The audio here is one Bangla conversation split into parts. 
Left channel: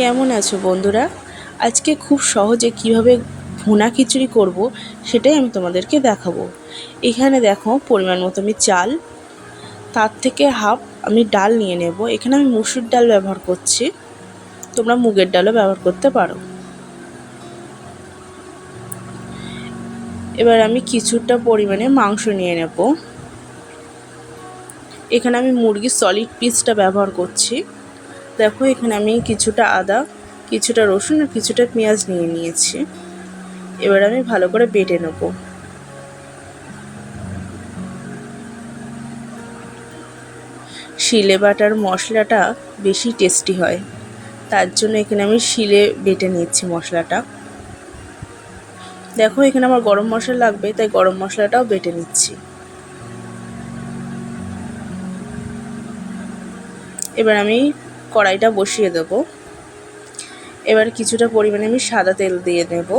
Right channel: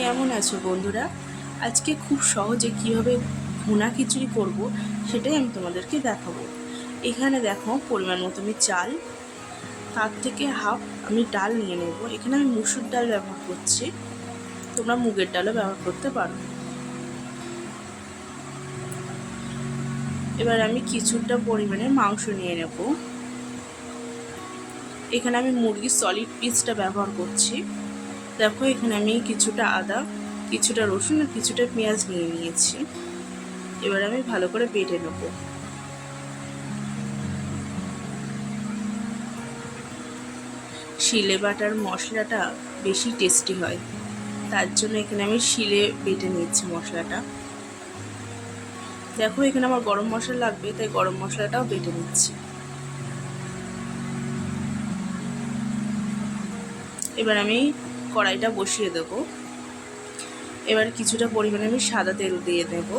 কেমন আছো বন্ধুরা? আজকে খুব সহজে কিভাবে ভুনা খিচুড়ি করব সেটাই আমি তোমাদেরকে দেখাবো। এখানে দেখো পরিমাণ মতো আমি চাল, তার থেকে হাফ আমি ডাল নিয়ে নেব। এখানে আমি মুসুর ডাল ব্যবহার করছি, তোমরা মুগের ডালও ব্যবহার করতে পারো। এবার আমি কিছুটা পরিমাণে মাংস নিয়ে নেব। এখানে আমি মুরগির সলিড পিসটা ব্যবহার করছি। দেখো এখানে আমি কিছুটা আদা, কিছুটা রসুন আর কিছুটা পেঁয়াজ নিয়ে নিয়েছি। এবার আমি ভালো করে বেটে নেব। শিলে বাটার মশলাটা বেশি টেস্টি হয়, তার জন্য এখানে আমি শিলে বেটে নিচ্ছি মশলাটা। দেখো এখানে আমার গরম মশলা লাগবে, তাই গরম মশলাটাও বেটে নিচ্ছি। এবার আমি কড়াইটা বসিয়ে দেব। এবার কিছুটা পরিমাণে আমি সাদা তেল দিয়ে নেব।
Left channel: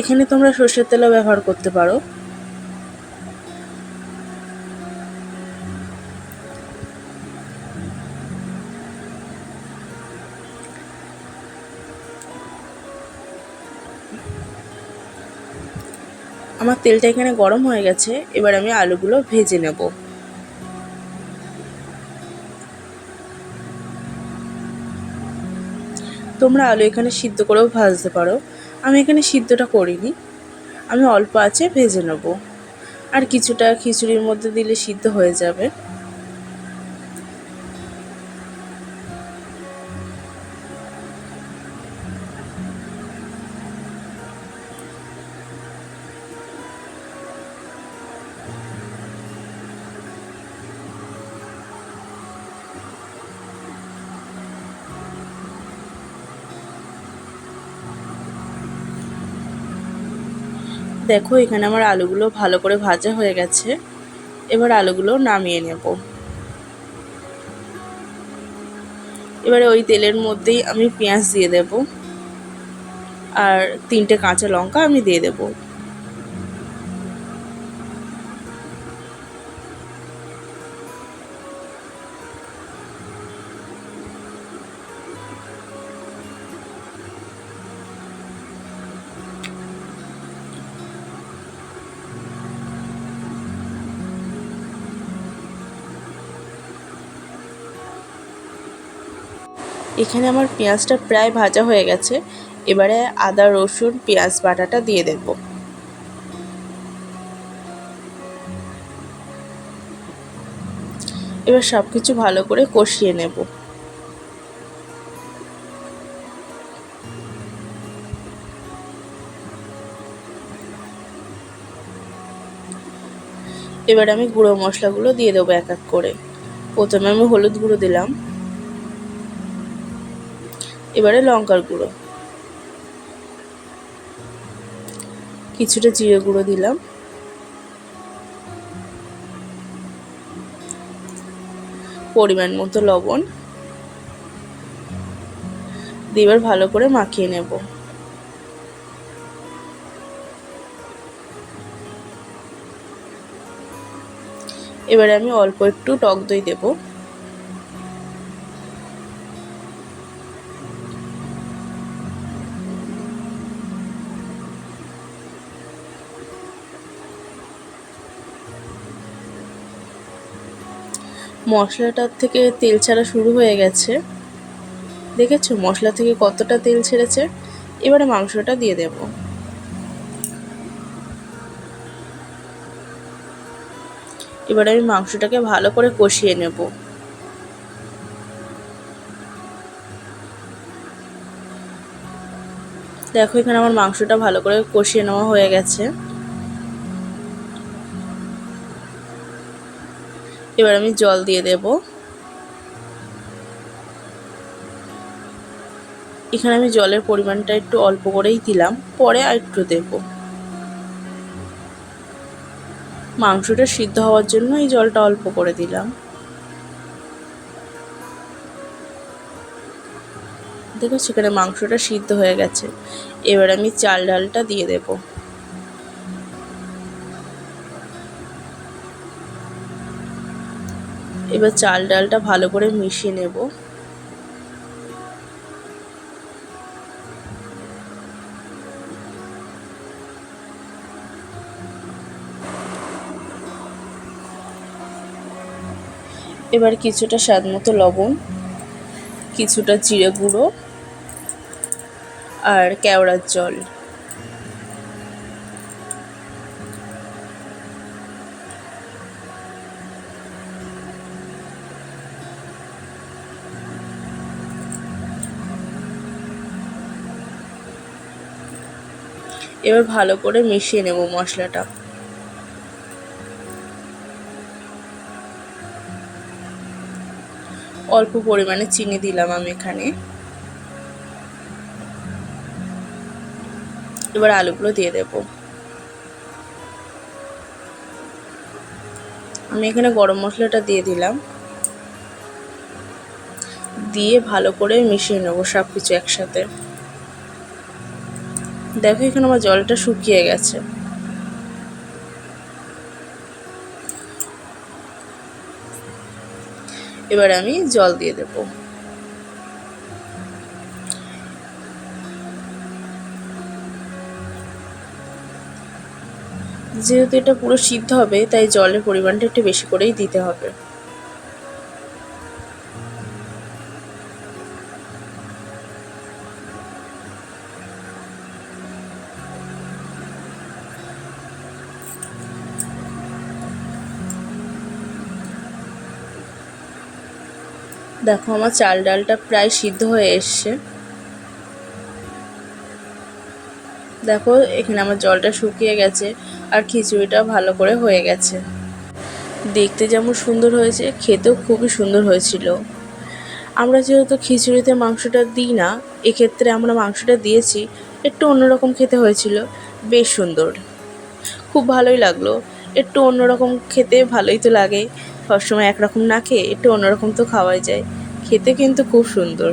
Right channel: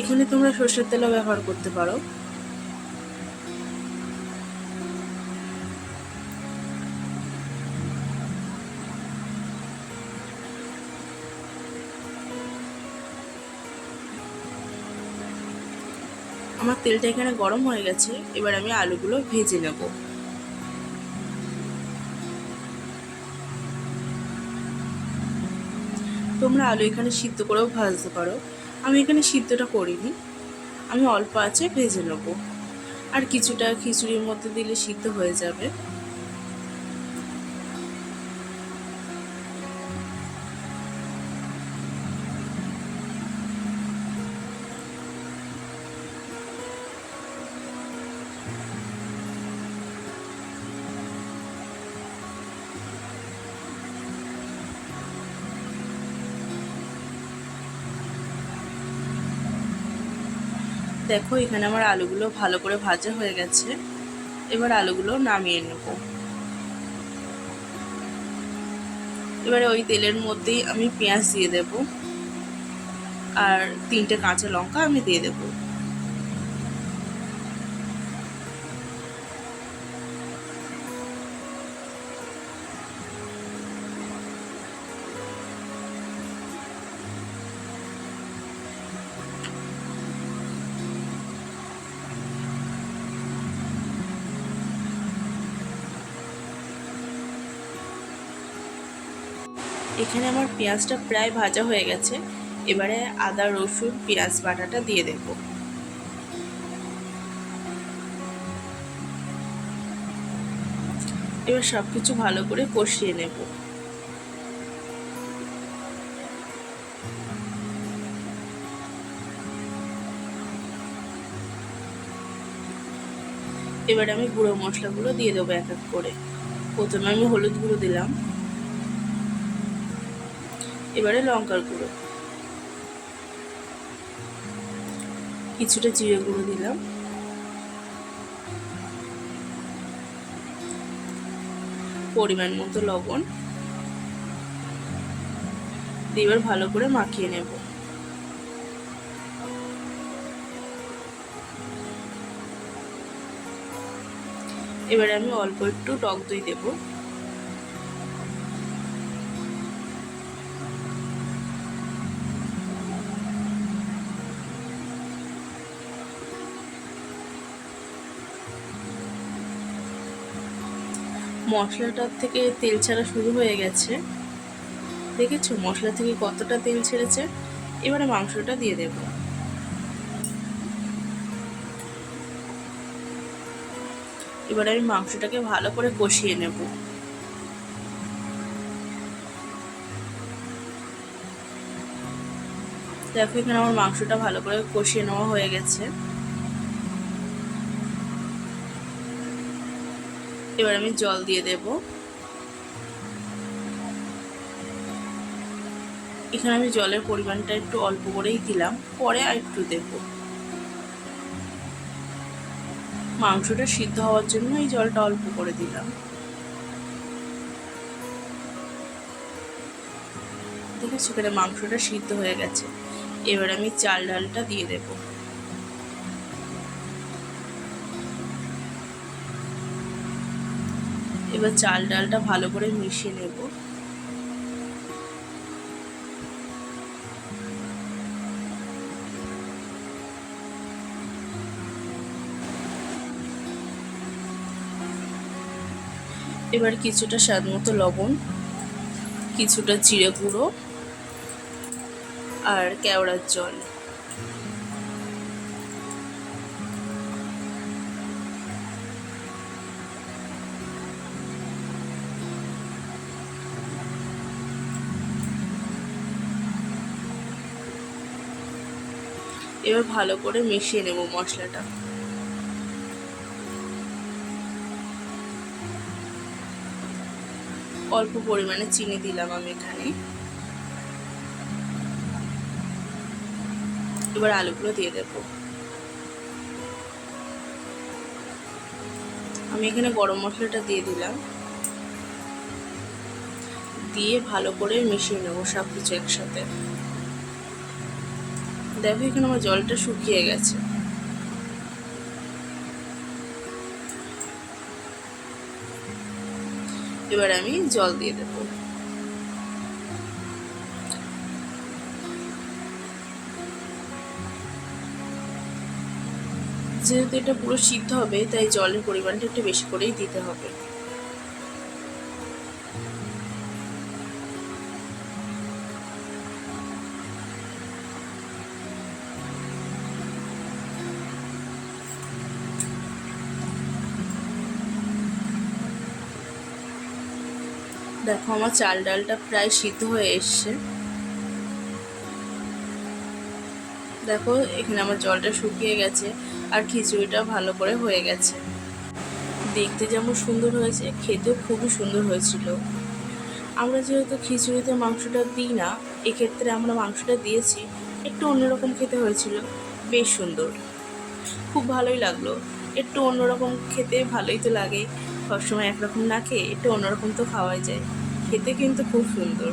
এখানে তোমরা সর্ষের তেলও ব্যবহার করতে পারো। আমার তেলটা এখানে গরম হয়ে গেছে। এবার আমি আলুগুলো ভেজে নেব। তোমরা আলু এখানে সিদ্ধ করেও ভাজতে পারো, আমি এখানে সিদ্ধটা করিনি, আমি অল্প আঁচে ভেজে নেব। আর কিছুটা খিচুড়ির মধ্যে দিলে সিদ্ধ হয়ে যাবে। দেখো এখানে আমার আলুগুলো ভালো করে ভাজা হয়ে গেছে। এবার আলুগুলো নামিয়ে নেব। এবারে ওই তেলের মধ্যেই আমি পেঁয়াজ দিয়ে দেব আর 3টে কাঁচা লঙ্কা আমি দিয়ে দেব। এখানে আমার পেঁয়াজটা প্রায় ভাজা হয়ে গেছে। এবারে আদা রসুন পেঁয়াজ বাটাটা দিয়ে দেব। এবার সব কিছু ভালো করে কষিয়ে নেব। এবার আমি গুঁড়ো মশলাগুলো দিয়ে দেবো এক এক করে। প্রথমে আমি হলুদ গুঁড়ো দিলাম, এবারে লঙ্কার গুঁড়ো, কিছুটা জিরে গুঁড়ো দিলাম, পরিমাণ মতো লবণ দিয়ে এবার ভালো করে মাখিয়ে নেব। এবারে আমি অল্প একটু টক দই দেব। মশলাটার থেকে তেল ছাড়া শুরু হয়ে গেছে, দেখেছো মশলা থেকে কতটা তেল ছেড়েছে। এবারে মাংসটা দিয়ে দেব। এবারে আমি মাংসটাকে ভালো করে কষিয়ে নেব। দেখো এখানে আমার মাংসটা ভালো করে কষিয়ে নেওয়া হয়ে গেছে। এবার আমি জল দিয়ে দেব। এখানে আমি জলের পরিমাণটা একটু অল্প করেই দিলাম, পরে আর একটু দেব। মাংসটা সিদ্ধ হওয়ার জন্য এই জলটা অল্প করে দিলাম। দেখো সেখানে মাংসটা সিদ্ধ হয়ে গেছে। এবার আমি চাল ডালটা দিয়ে দেব। এবার চাল ডালটা ভালো করে মিশিয়ে নেব। এবার কিছুটা স্বাদ মতো লবণ, কিছুটা জিরে গুঁড়ো আর কেওড়ার জল। এবার ভালো করে মিশিয়ে নেব মশলাটা। অল্প পরিমাণে চিনি দিলাম আমি এখানে। এবার আলুগুলো দিয়ে দেব। আমি এখানে গরম মশলাটা দিয়ে দিলাম, দিয়ে ভালো করে মিশিয়ে নেব সব কিছু একসাথে। দেখো এখানে আমার জলটা শুকিয়ে গেছে। এবার আমি জল দিয়ে দেব। যেহেতু এটা পুরো সিদ্ধ হবে, তাই জলের পরিমাণটা একটু বেশি করেই দিতে হবে। দেখো আমার চাল ডালটা প্রায় সিদ্ধ হয়ে এসছে। দেখো এখানে আমার জলটা শুকিয়ে গেছে আর খিচুড়িটা ভালো করে হয়ে গেছে। দেখতে যেমন সুন্দর হয়েছে, খেতেও খুবই সুন্দর হয়েছিল। আমরা যেহেতু খিচুড়িতে মাংসটা দিই না, এক্ষেত্রে আমরা মাংসটা দিয়েছি, একটু অন্যরকম খেতে হয়েছিল। বেশ সুন্দর, খুব ভালোই লাগলো। একটু অন্যরকম খেতে ভালোই তো লাগে, সবসময় একরকম না খেয়ে একটু অন্যরকম তো খাওয়াই যায়। খেতে কিন্তু খুব সুন্দর।